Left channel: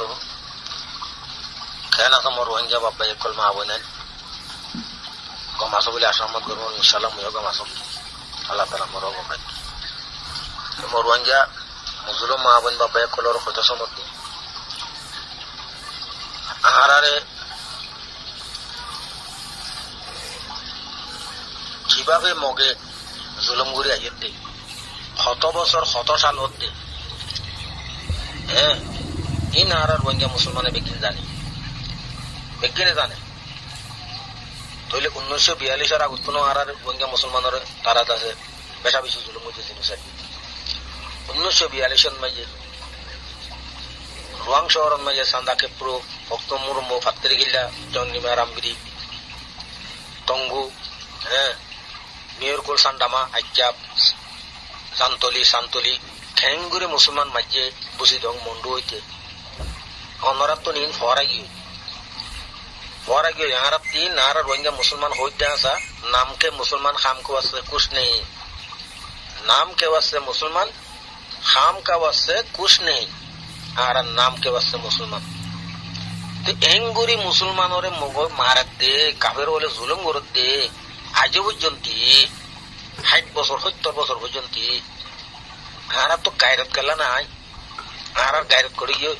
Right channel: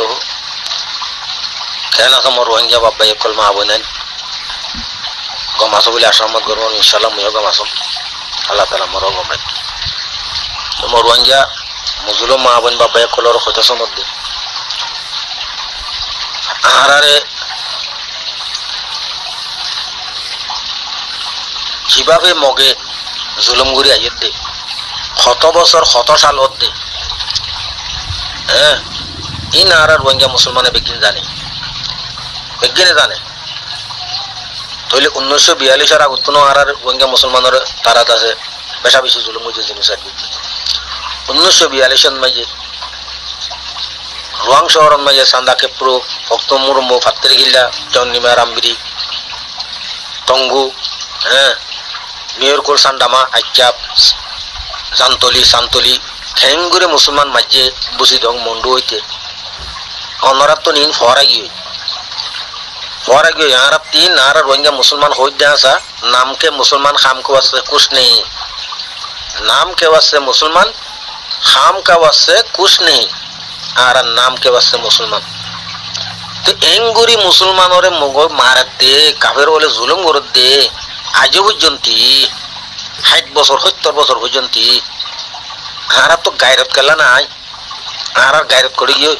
وبركاته كان كما روانجا بابا يقول ما أبونا قام أصبح أشرمت قرون إن شاء الله ميو قام أصب الله تعالى مرة قام كما روانجا مظلوم ما أبونا بابا يقول له خد سمد আহারে কিভাবে মগে জুলুম করে আইয়ের দে কত বছর কত সাল হতে হ্যাঁ ইন আর রোহিঙ্গা মুসলমানে বিজ্ঞান জানে বিজ্ঞানে জানে তাহলে 1942 আগত আর রোহিঙ্গা মুসলমানের তারাত আছে বেশা বেশি জুলুম হয়েছে জিনিস আর 1942 মাঝে রোয়াং শহরের মাঝে সান্দা কেপ্রো ভক্ত মুরমো ফাত্তের গিল্লা জন্নিমা রামবিরি টঙ্গু হ্যাঁ মেয়রকুল সান্ডামা আইচাপ জান্তলি সান্তলি খেঙ্গুরে মুসলমান মাঝে বুঝি দং মন্ডু হইতে অনরাত তো নিন ফরা গিয়ে यहाँ तीन नारा रोहिंग्या मुसलमान हो जासा नाम के मुसलमान खाम के वास्ते कुछ नहीं नाम के वास्ते मुसलमान खाम का वास्ते कुछ नहीं आरा नाम के वास्ते मुसलमान तो एंगुरी मुसलमान और मुगो मारक दे काफिर वाले जुलम करत दे आज पर्यंती 60 বছর 70 বছর পর্যন্তই आरा तो गायरत करला ना आरा गायरत করে গিয়ে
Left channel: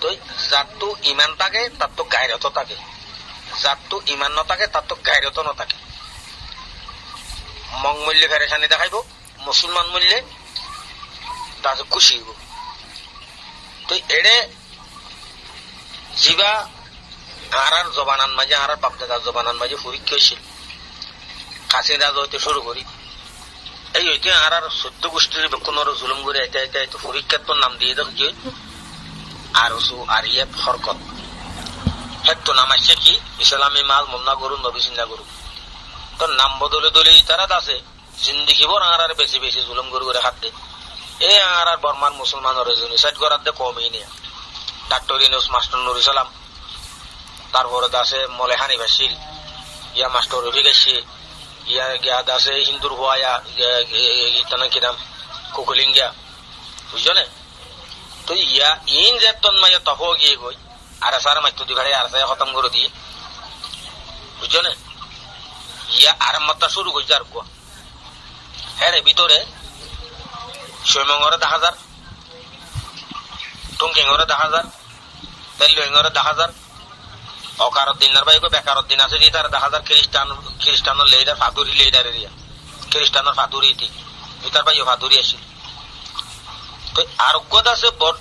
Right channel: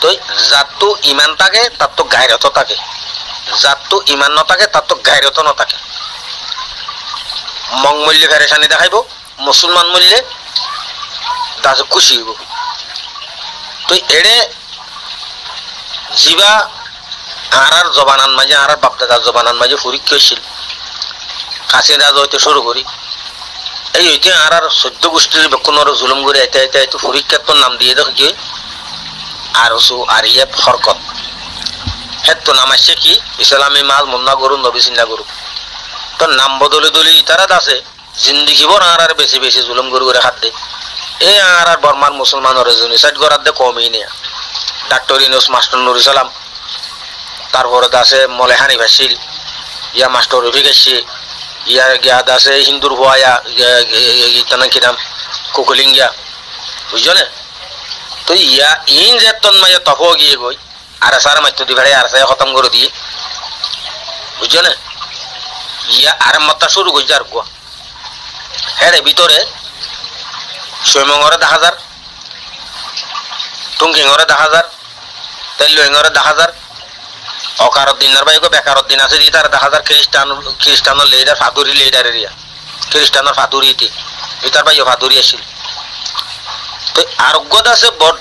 তো যার তো ইমান থাকে তার তো গায়রত থাকে যার তো ইমান ন থাকে তার তো গায়রত ন থাকে মং মূল্যে ফেরেশানি দেখাইব মুসলমান মূল্যে দাস খুশি হইব তো এড়ে জিবা আর জবানান মাঝে আর বাপদাদার জবানান মাঝে পরীক্ষা হয়েছিল কাশিদা হইতে শুরু করি এই হইতে আর 14 গোষ্ঠীর বেকুনের জুলুম করে আইতে আইতে আইতে পরীক্ষার তো নাম দিয়ে দেখি আরসু আরিয়ে ফরকত হেতো নাম আসছে কি ইসলামী মাল মুন্না গরু নবী সিন্না গরু তো নাম বদলে দলি তারা আছে জিন্দিগি ভর আর বেশি বেশি জুলুম গরু করে হাত দে এই আর বর্মার মুসলমানের জেনোসাইড করার দে কমই নেই ডাক্তার ইউনুস মাস্টার নুর ইসলাম তারপরে আছে মলেহানি ভাসিল ইয়া মাস্টার রফিক আসছে ইয়া গিয়াদ আছে হিন্দুর হওয়া ইয়া কি নাম কুকুলিঙ্গিয়া বুঝছো না তো ইয়া ইন যে তন্ময় তফ গিয়ে গই আর সার মাত্র দি ভাড়ে আর সাই খতম করে দিয়ে বুঝছো না ইয়া আর মাত্রা শুরু কই যার গো হেরে ভিতরে সৈমঙ্গরে 10,000 টুঙ্কিঙ্গরে 10,000 তেলুঙ্গরে 10,000 অকারত দিনের বাইগো বেকারত দিন আছে দি তার 10,000 খ্রিস্টানের লিডার ফাদুরি লিডার এরিয়া খ্রিস্টানের ফাদুরিতে ইতার বাইও ফাদুরি আসিল তো আরোগ্যতা আছে বড়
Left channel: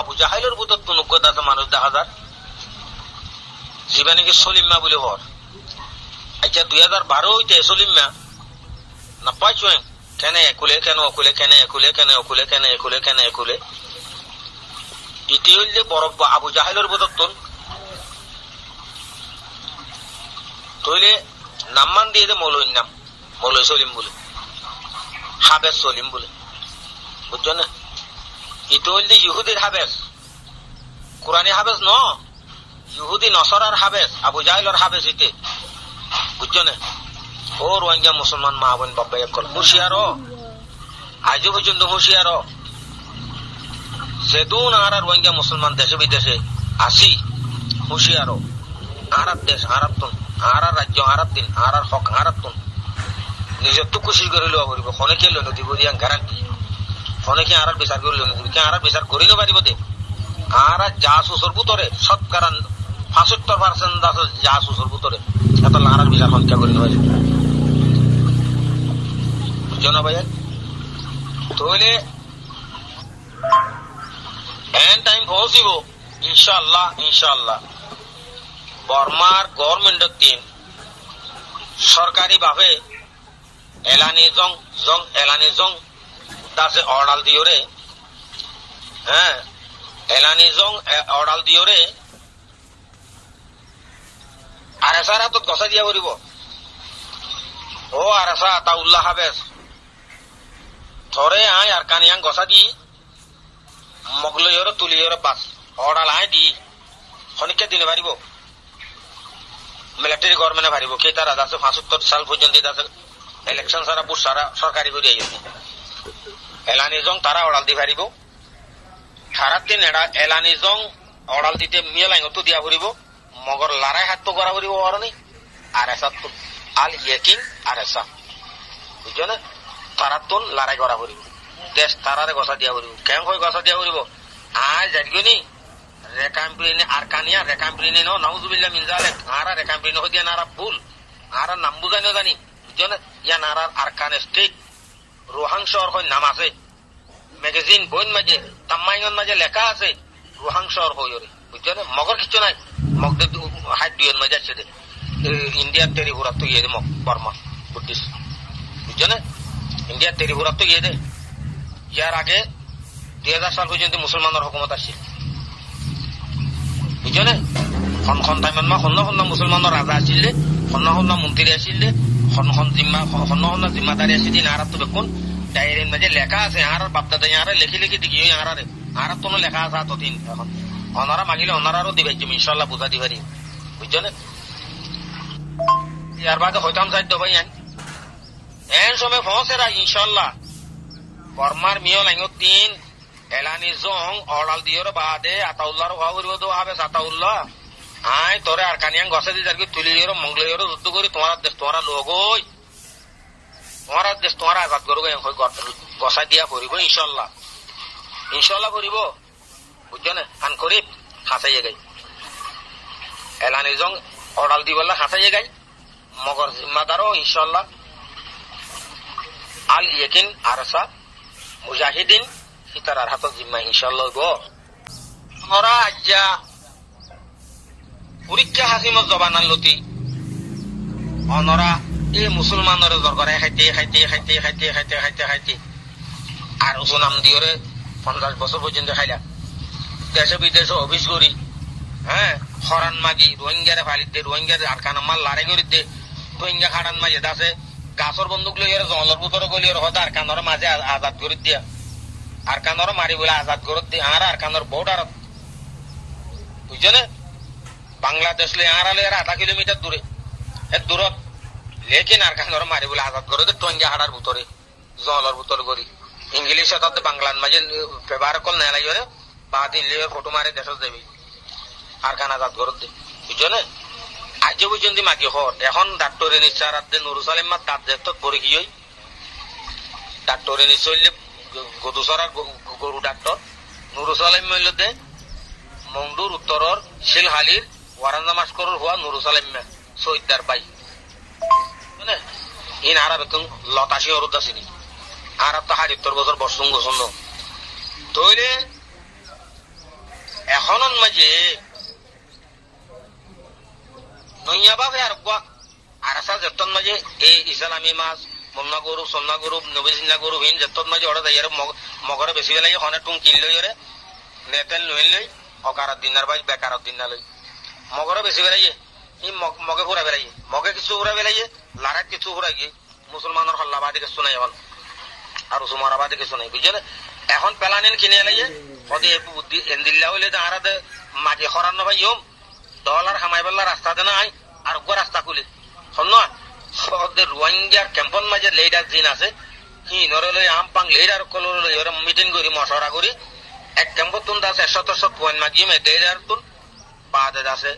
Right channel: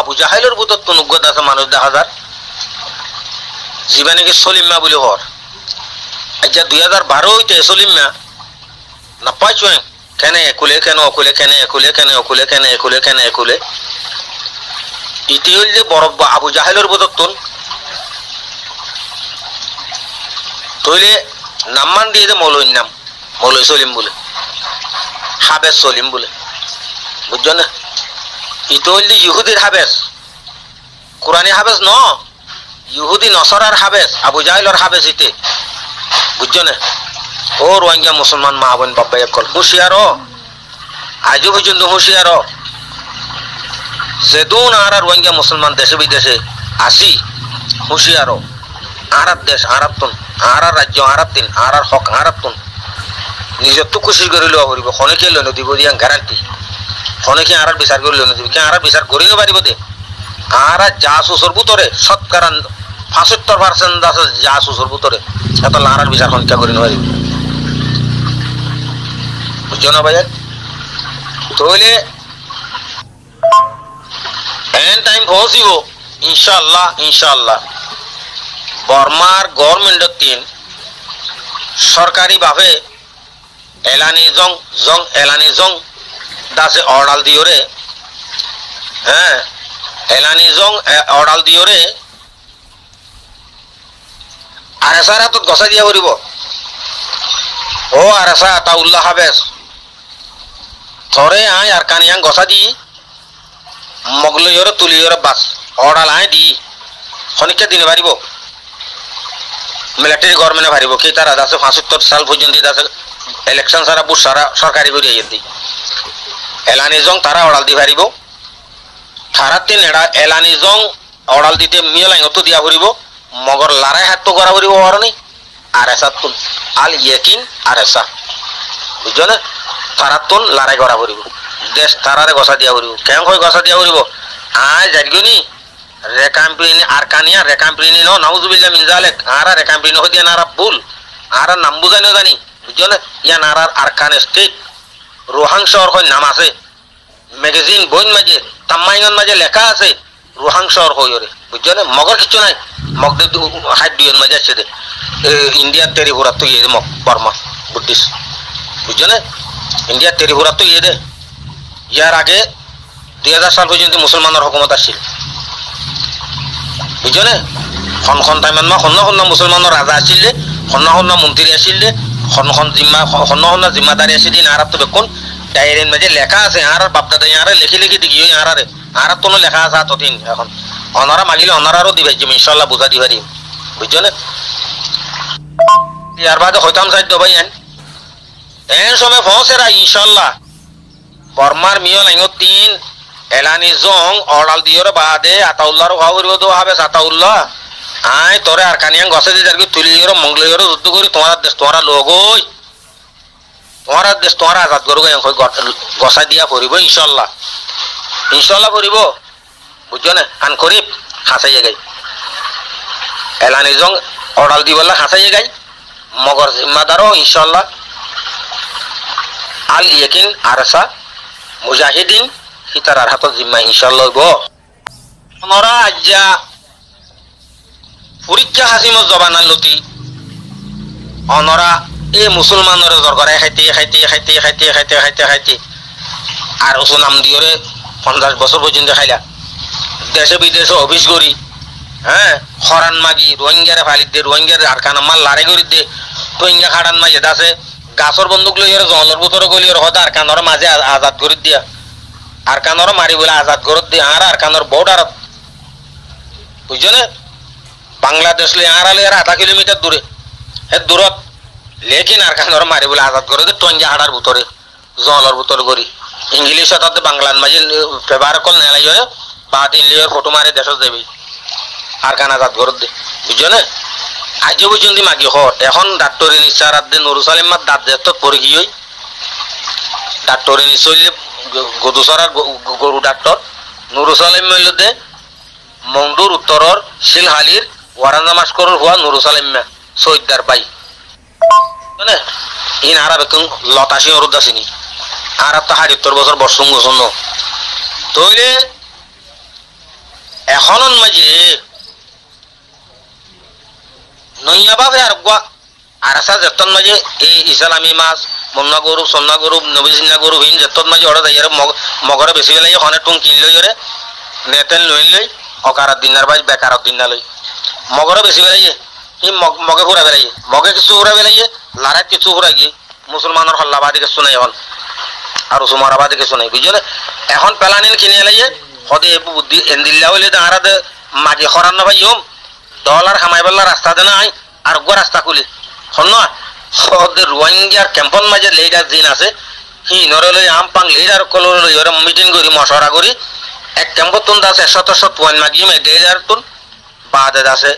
আবু জাহেলের বুতত অনুগ্যতা আছে মানুষ 10,000 জীবানীকে সলিমা বলে হর আচ্ছা 2012 হইতে সলিমা না পাইছো কেন একুলে কেন অকুলে কেন একুলে কেন অকুলে কেন একুলে কেন একুলে ইতি হইল যে বড় আবু জাহেলের বুতত তইলে নামমান দিয়ে যে মৌলইর নাম মৌলই সলিম বলে হাবেস সলিম বলে বুঝছো না ইতো হইল ইহুদির হাবেস কোরআনী হাবেস ন ইহুদি নসরার হাবেস আবু জাহেলের হাবেস ইতে বুঝছো না ও রোহিঙ্গা মুসলমান মা বোন বাবা একল হুঁশিয়ার আজও পর্যন্ত হুঁশিয়ার যেদুন আর রোহিঙ্গা মুসলমান দেশে বিদেশে আসি হুঁশিয়ার আর দেশ আর আর রাজ্য আর দিন আর হক আর নিজের তো কোশিশ করে লওয়া পড়ব খনেকে লইন দিব দিয়া গ্যারান্টি খনেকে আর বিচার করে লইন দিব কে আর বিচার করি না পারিব দে আর জাসুসর ভিতরে শতকরা 75% আছে জাসুসর ভিতরে এত আর বিচার খনকা করি না পারিব বুঝছো না ভাইয়া তাহলে এন টাইম পৌঁছিব ইনশাআল্লাহ ইনশাআল্লাহ বর্মার গভর্নমেন্টের তিন সরকারি ভাবে এলানি জং দাসে অর্ডার দিওরে হ্যাঁ এলানি জং অর্ডার দিওরে আর সারা তো গসা দিয়া করিব ও আর সা তা উল্লাহ হাবেস থরে আয় আর কানিয়াং গসা দি মগলইরে তুলিরে বাস অর্ডার আয় দি খনিকে দিনে পারিব মিলিটারি গভর্নমেন্টে পারিব কি তারা আছে 75 সাল পর্যন্ত আছে ইলেকশন সারা বুট সারা সরকারি করে আইতি এলানি জং তারা অর্ডার দি পারিব খারাতিন এড়া এলানি জং অড়াল দিতে মিয়া লাইন তো দিয়া ফুরিব মগর লারাই হাত তো করা ফুরিব অরনি আর এসা তুন আল ইয়েকিন আর এসা বুঝছো না তারাতুন লারাই করা ফুরিব দেশ তারারে গসা দিয়া ফুরিব কেন কই গসা দিয়া ফুরিব আয় জারিগনি রেকাম্পিনি আরকানিয়া রেকাম্পিনি নো নাউজুবিল্লাহ মিন জালিক আরা রেকাম্পিনি হদিয়া নারা ভুল আরা নাম বুঝানো জানি বুঝছো না ইয়া নারার আরকান স্টেট রোহাং শহর কই নাম আছে ম্যাগাজিন বইন মাঝে তাম্মাইন মাঝে লেখা আছে রোহাং শহর কই ওরে বুঝছো না মগর কিছু নাই মগদের হাইট দুইয়ের মাঝে আছে দে ইন্ডিয়ার তেরিপুরা তো ইয়ে মগ বর্মা বুদ্ধিস্ট বুঝছো না ইন্ডিয়ার তেরিপুরা তো ইয়ে দে ইয়ার আগে 2000 সাল পর্যন্ত মুসলমানের হুকুমত আসছিল বুঝছো না খন টাইমত মা খন মুসলমানের রাজা আসছিলে খন মন্ত্রী আসছিলে খন জিম্মাদারি আসিল আরাত তো বেকুন ডায়েরির মাঝে লেখা আছে আর বাপদাদা আর লিখি দেখি আর তো লেখা আছে ততদিন এখন অনারা মাগিলে অনারারও দিবাই ইনশাল্লাহ বুঝা দিবারি বুঝছো না ইয়ার বাদে হইতাম সাইড ভাই এন সময় পৌঁছেরা ইনশাল্লাহ বর্মার মিয় লাইন 3 এলানি জং অড়াল দিয়র বাদে আতাউল্লাহর খাওয়ারিও দো হবে আতাউল্লাহ আয় তোরে আর কানিয়াং গছে দি যারকি তুলিয়র মঙ্গলিয়র যুদ্ধ করি তোমার দেশ তোমার লোক ওই তোমার দেশ তোমার আজাদ করব গসা দিয়া পড়িব ইনশাল্লাহ ইনশাল্লাহ পড়িব বুঝছো না আন করিব হাসাইয়ে গাই এলানি জং অড়াল দিবলা হাসাইয়ে গাই মগর জিম্মাদারও ইনশাল্লাহ আল ইয়াকিন আরসা মুজাহিদিন হিতারার হাতত জিম্মা ইনশাল্লাহ গো আমরা আজ্জা পরীক্ষা হাসিমত জবানান লতি অনরা এই মুসলমানের দরকারে খাইতে আর ওসু নাম দিয়রে 50 বছর পর্যন্ত খাইলা দেশে বিদেশে অফিস করি হ্যাঁ হরান মাগি রোহিঙ্গারে ফালিত দে রোহিঙ্গার আরকানা মাল লারে করি দে রোহিঙ্গা খাড়ান মাঝে দাসে গাছর বন্দুক লইয়ার জলের ভিতরে গলিয়ার হদা আর কানর মাঝে আজাদ করে দিয়া আর কানর মারি বলে আজাদ করে দিয়ে আর কানর বর্ডার বুঝছো না বাংলাদেশ লে আড়ালে 0.5 কিলোমিটার দূরে হে দূরত লেকিন আর কানর মারি বলে আজাদ করে দিয়ে টঙ্গা হাড়ার ভিতরে জলের ভিতরে করি ইংলিশ তাতে বাংলার মাঝে ব্যবহার কল নেলাই হয় বাদ ইংলিশের ফটো মারে দেশ দেবি আর কান আজাদ করে দে বুঝছো না আজ পর্যন্ত মাগি হর এখন ডাক্তার নিশ্চার নুরুসালিম মার দাঁত দেত পরে গিয়ে ডাক্তার নিশ্চয় গদুসরার গরু ডাক্তার নুরুসালিম দে মংডুর উত্তরর শিলহালির ওয়ারান্দা মাস্কর হওয়া নুরুসালিম সৈদার বাই মানে ইন আর বেকুন লতাশি অরুদাসিনী আর তো ৭০ বছর বর্ষং গোছন্ন তৈলে এখন মাঝে নইয়া বাবে আর গোয়া আর আসা যেতন মাঝে এই ইসলামী মাছ মন্না গরু সন্না গরু নবীজিনা গরু ভিন যেতন মাঝে অর্ডার দেয় মগরে বেশি বেলাই হনে টুং কিন লই রে নেতেন লই লই অকারাত দিনার বাই বেকারত দিন না লই মগরে বেশি বেলাই ই মগে ফুরা বেলাই মগে কিছু ফুরা বেলাই লারাত কিছু ফুরা গিয়ে মুসলমানের হল্লাবাদী কিছু নাই এখন আর সুমারাবাদী কিছু নাই বুঝছো না এখন পেলানিন কিনে লাইয়ে হদে বুদ্ধি এন্দিল্লা হইলে তাহারা মাগি খরান না ভাই ডলার খামাই বেলা রাস্তা দে নাই আর গো রাস্তা খুলি হন না হদে রোহিঙ্গার ক্যাম্পন মাঝে লেডার দিন আছে হি নরলে আমপাং লেডার কলর লইরে মিটিং করি মশরা করি এক ক্যাম্পত তুন দাসে ১০০ তুয়ান মাগি মে লেডার তুন বাদে দাসে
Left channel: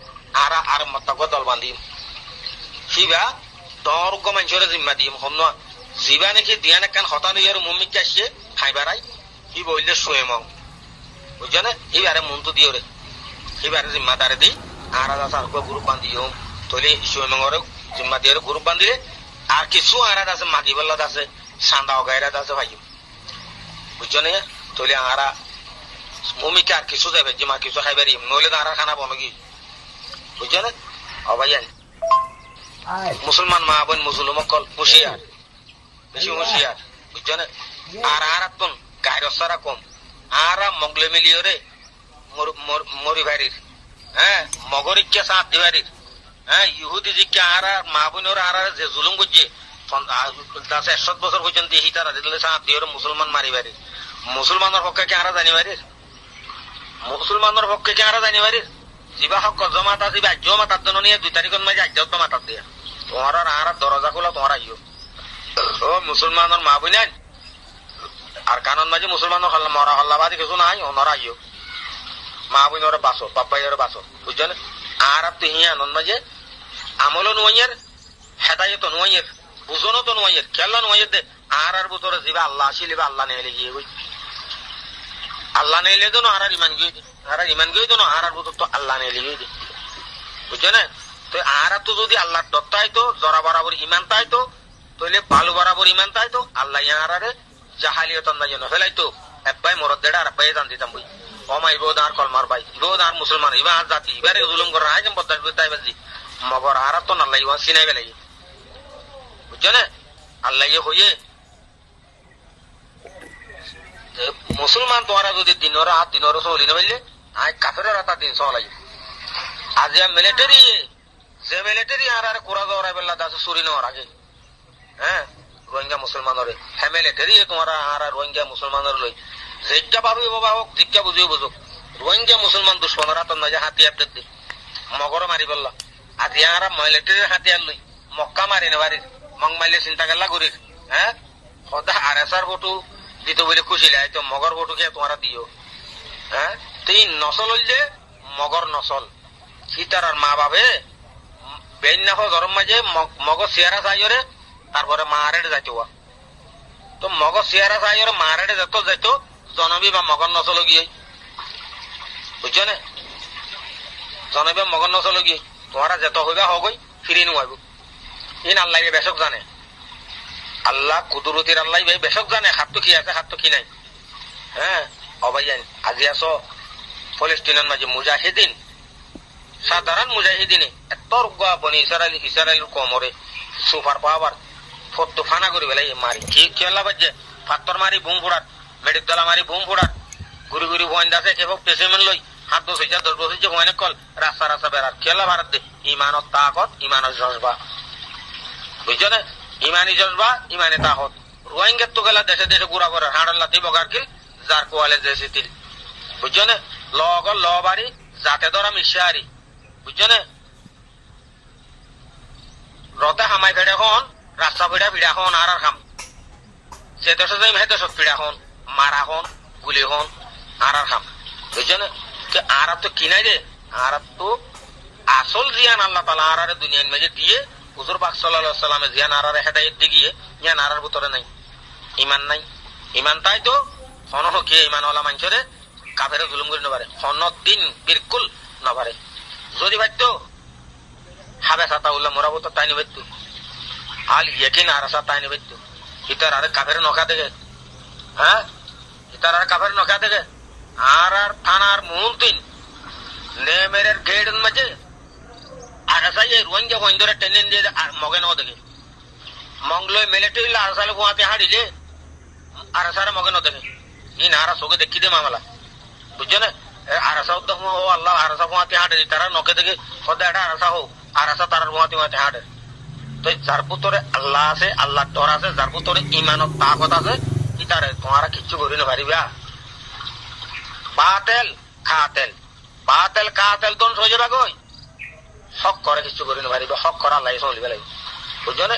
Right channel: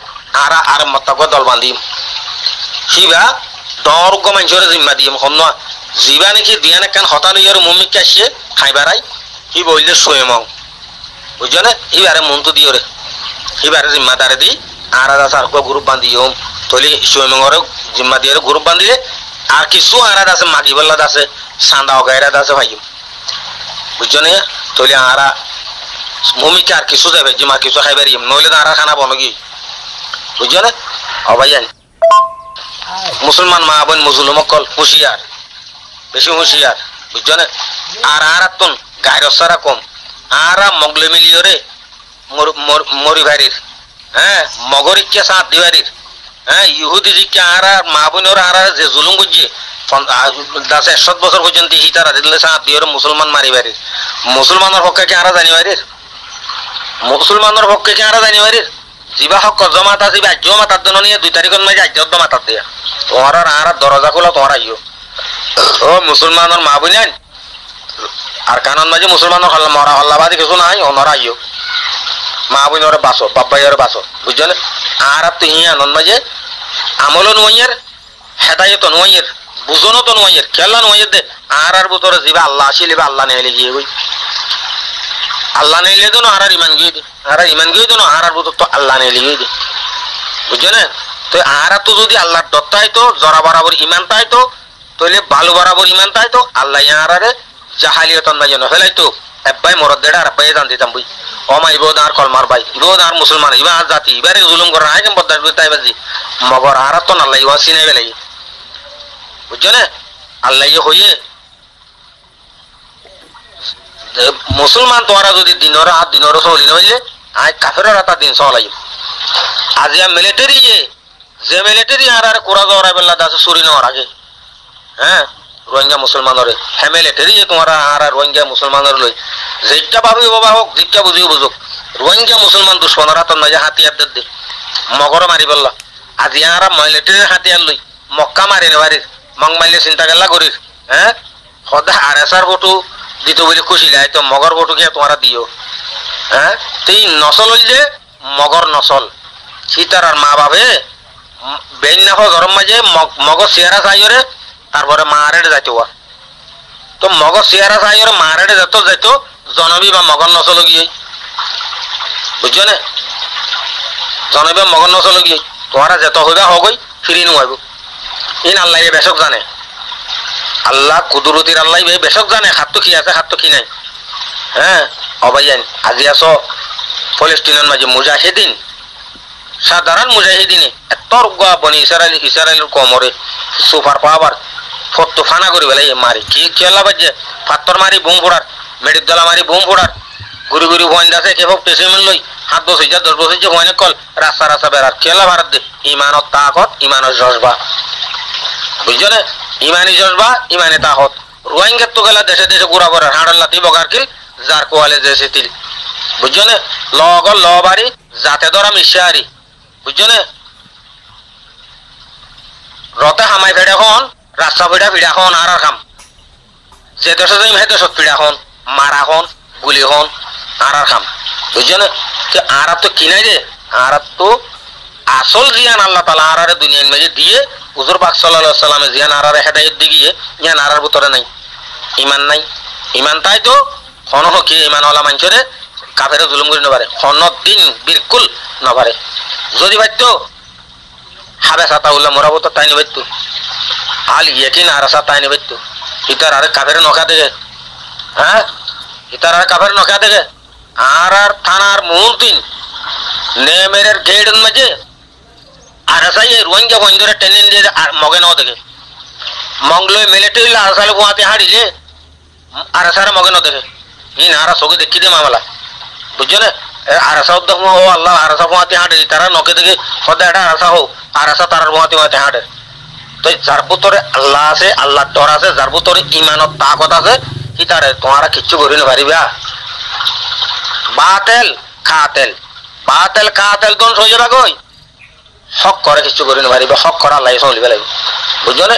আর মতক দল বান্দিম হিবা দর গো মানজরে জিম্মা দিম হন না জিবা নাকি দিয়ানে কান হতা লইয়ার মম্মিক কাছে খাইবারাই হি বইলে সোয়েমং বুঝছো না এবারে মন তো দিও রে এবারে জিম্মাদারে দি আর দাসার কো গ্রুপ বান্দিও তলি সোয়েমংরে জিম্মা দিয়ে গ্রুপ বান্দিলে আর কিছু আর দাসে মাগি বল্লা দাসে সান্দা গায়রা দাসে ভাই বুঝছো না তলি আরা মম্মিক আর কিছু যাবে জিমা কিছু খাইবারি নইলে আরা খানা বনগি বুঝছো না ও ভাইয়ান মুসলমান মা বোন মুসলমান হুঁশিয়ার বেশি হুঁশিয়ার বুঝছো না আর তুন গায়ের সারা কম আরা মগলে মিলিয়রে মরি ভারির হ্যাঁ মগরিকে সাথ দিবারির হ্যাঁ ইহুদি জিকে আরা মা বোনের আরা যে জুলুম করছে ১০০ বছর পর্যন্ত হিতারা দিলে সাথ দিয়রে মুসলমান মারি বাড়ির মুসলমানের পক্ষে কি আরা জানি বাড়ির মুসলমানের পক্ষে কি আরা জানি বাড়ির জিবা হক জমাত আছে আজ্য মাতার জন্য নিয়ে ২ তারিখের মাঝে আজ্য মাতার দিয়া তোমার আর দরজা খোলা তোমার আইও ও মুসলমানের মা বোন আর কানন মাঝে মুসলমানের মরা হল্লাবাদী কিছু নাই ওনারা আইও মা বোনের বাঁচো, বাপ ভাইয়ের বাঁচো, বুঝছো না? আর তো ইয়া নন মাঝে আমলও নোয়াইয়ের, হেদায়ত নোয়াইয়ের, বুঝনো তো নোয়াইয়ের, খেলা নোয়াইয়ের দে। আর বুতরে যাবে আল্লাহ আসিলে আল্লাহ নেলে গিয়ে বই, আল্লাহ নেলে তো আর ইমান গিয়ে দে, আর ইমান গিয়ে দেন আর বুতর তো আল্লাহ নেলে গিয়ে দে, বুঝছো না? তো আর তো যদি আল্লাহর দত্ত হইতো, জরা বরাবর ইমান তাইতো, তাহলে ভালো বরাবর ইমান তাইতো, আল্লাহ ইয়ারে জাহালিয়তন মাঝে নফেলাইতো। এব্বাই মরদ দেড় আর এব্বাই জান দিতাম বই, অমা ইবোদ আর কলমার ভাই, ইবোদ আর মুসলমান, ইবা আর জাতি, ইবারে জুলুম করা হয় কেন বদাস তাই বাজি মগর আর তো আল্লাহ ইবা চিনে বেলাই, বুঝছো না? আল্লাহ হইয়ে মুসলমান তোরা যদি দিনের চলি নইলে আজ কাফের রাতা দিন চলাই। আজ মিলিটারি যে মিলিটারি আর কোরা জরা বেলা দাস চুরি নেওয়ার আগে, হ্যাঁ রোহিঙ্গা মুসলমানরে হ্যাঁ মিলিটারি তোমার আর রোহিঙ্গা মুসলমানের লই যেটা ভাবি বাবা হোক, জিজ্ঞা বুঝিও বুঝুক, রোহিঙ্গা মুসলমান দুশ্মনের হাতত মাঝে হাতিয়ার দে মগর মারি বললা। আজি আর মিলিটারির হাতিয়ার লই মক্কা মারি নেবারির মং মারলে চিন্তা গেলা করির, হ্যাঁ সদা আর এসার ফটো দিত বলে খুশি লাই তো মগর ফটো কে তোমরা দিও, হ্যাঁ তুই নসল যে মগর নসল সীতার আর মা বাবে বেন না গরম মাঝে মগর চেয়ারা চাইরে তারপরে মারেড যাইতো, তো মগর চেয়ারা চাইরে মারেড যেত যাইত জনবী বা মগর নসল গিয়ে, বুঝছো না? জনবী মগর নসল গিয়ে তোমরা যেত হইবা হগই ফিরি নোয়াইব। ইন আল্লাহ বেশক জানে, আল্লাহ কুদরতির আল্লাহ বেশক জানে খাদ্য কি আছে খাদ্য কি নাই। হ্যাঁ অবাইয়ান আজি আছো ফলস্তিনের মাঝে মুজাহিদিন, সাধারণ মুজাহিদিনে এত রুগা বনি ইসরায়েলের কমরে সুপার পাওয়ার ফটো ফানা করি বেলাই মারি কি খেলা বাজে পাথর মারি বুম ফোড়ার, মেডিক দলা মারি বুম ফোড়ার, ঘুরি ঘুরি বন্ধ আছে কেবল পেশিমেন্ট লই 7 বছর 10 বছর যে বনে কল রাস্তা রাস্তা বেড়ার খেলা ভারত দে। ইমানত তাকত ইমানের জজবা, বুঝছো না? ইমানি জজবা ইমানে তাকত। রোহিঙ্গার তো গেলা দেশে দেশে ঘুরা বেড়ার হাঁড়াল্লা দিব গার্কিল যার কোয়ালে যে তিল, বুঝছো না? লগল ল বাড়ি যাতে ধরা মিশারি, বুঝছো না? রতে হামাই ফেড়ে খন রাস্তা ফিড়া ফিড়া খন আর খাম যে দেশে যাই হে দেশত ফিড়া খন মারা খন গুলি খন আর খাম, বুঝছো না? আর তো কিনাই রে আর তো আসল জিয়ান আল্লাহ তালা আর দুনিয়ার মাঝে দিয়ে হুজুর পাক সাল্লাল্লাহু আলাইহি সাল্লামে জিয়ান আর হেদায়েত দিয়ে জ্ঞান আর ভিতরে নাই, ইমান নাই। ইমান তাই তো হন কি ইমান ওলা মানুষরে কাফের জুলুম করে নবারে হনত দিন বিলকুল নবারে, যদি বাইতো হাবে সাতা উল্লাহ মরাবো তো তাই নিবাইতো আল ইয়েকিন আর সা তাই নিবাইতো ইতার আর কাফের নখা দেখে, হ্যাঁ ইতার আর কাফের নখা দেখে আর আর থানার মুহূর্তিন নেমের গেটের মাঝে আর সাই রোহিঙ্গা বন্ধুরা টেনে দিয়ে আর মগে নাও দেখে মংলো মিলিটারি আর সালে গুয়াতে হারিলে আর সারা মগে নাও দেখে ইন আর সগে দেখি দে মামলা, বুঝছো না? আর সব দেখো ও আল্লাহ আর সব গুয়াতে হাঁটে তারা নকে দেখে সদা এটা আর হো আর তার গুয়াতে গুয়াতে হাঁটে। তো যার ভিতরে আল্লাহ আছে, আল্লাহ ডর আছে, যার ভিতরে ইমানত তাকত আছে কি তারে তোমরা কিচ্ছু করি না পারিবা। বাতেল কাতেল বাতেল কাতেল তোন হয়ে যাবে গই হক করে কিছু করি না পারিবা, হক করা আল্লাহ চলিবে লাগবে, বুঝছো না?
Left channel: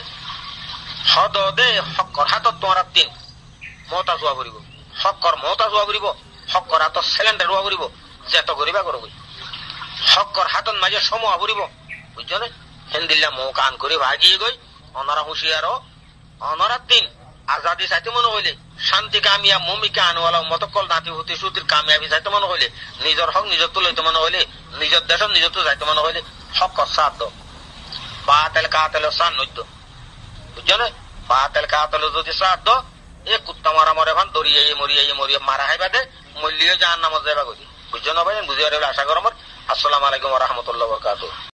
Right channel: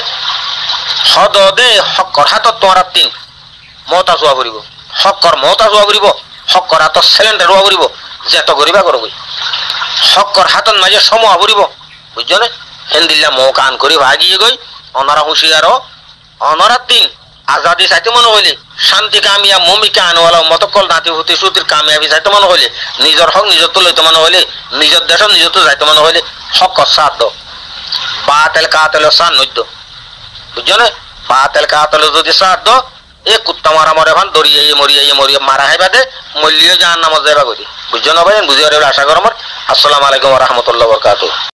হদ দে হক কর হাতত তোমার তিন মতা চোয়া ফুরিব, হক কর মতা চোয়া ফুরিব, হক কর হাতত সিলিন্ডার রোয়া ফুরিব, যেত করিবা করো গই হক কর হাতত মাঝে সময় ফুরিব, বুঝছো না? হেন্দিল্লা মৌ কান করি ভাগিয়ে গই অনারা হুঁশিয়ার অনারা তিন আজাদি চাইতে মনে হইলে শান্তি কামিয়া মমিকা আনওয়ালা মতকল নাতি হতে সুতির কামিয়াবি চাইতে মনে হইলে নিজের হক নিজের তো লইতে মনে হইলে নিজের দেশ নিজের তো যাইতে মনে হইলে হক সাথ দো বাতেল কাতেল সান নইত, বুঝছো না? বাতেল কাতেল যদি সাথ দো এ কুত্তা মারা মরে ভান দরিয়ে মরিয়ে মারা হয় বাদে মল্লিও জাহান্নামে যাইবা করি, বুঝছো না ভাই? বুঝিয়ে আশা কর আমার। আসসালামু আলাইকুম ওয়া রাহমাতুল্লাহি ওয়া বারাকাতুহু।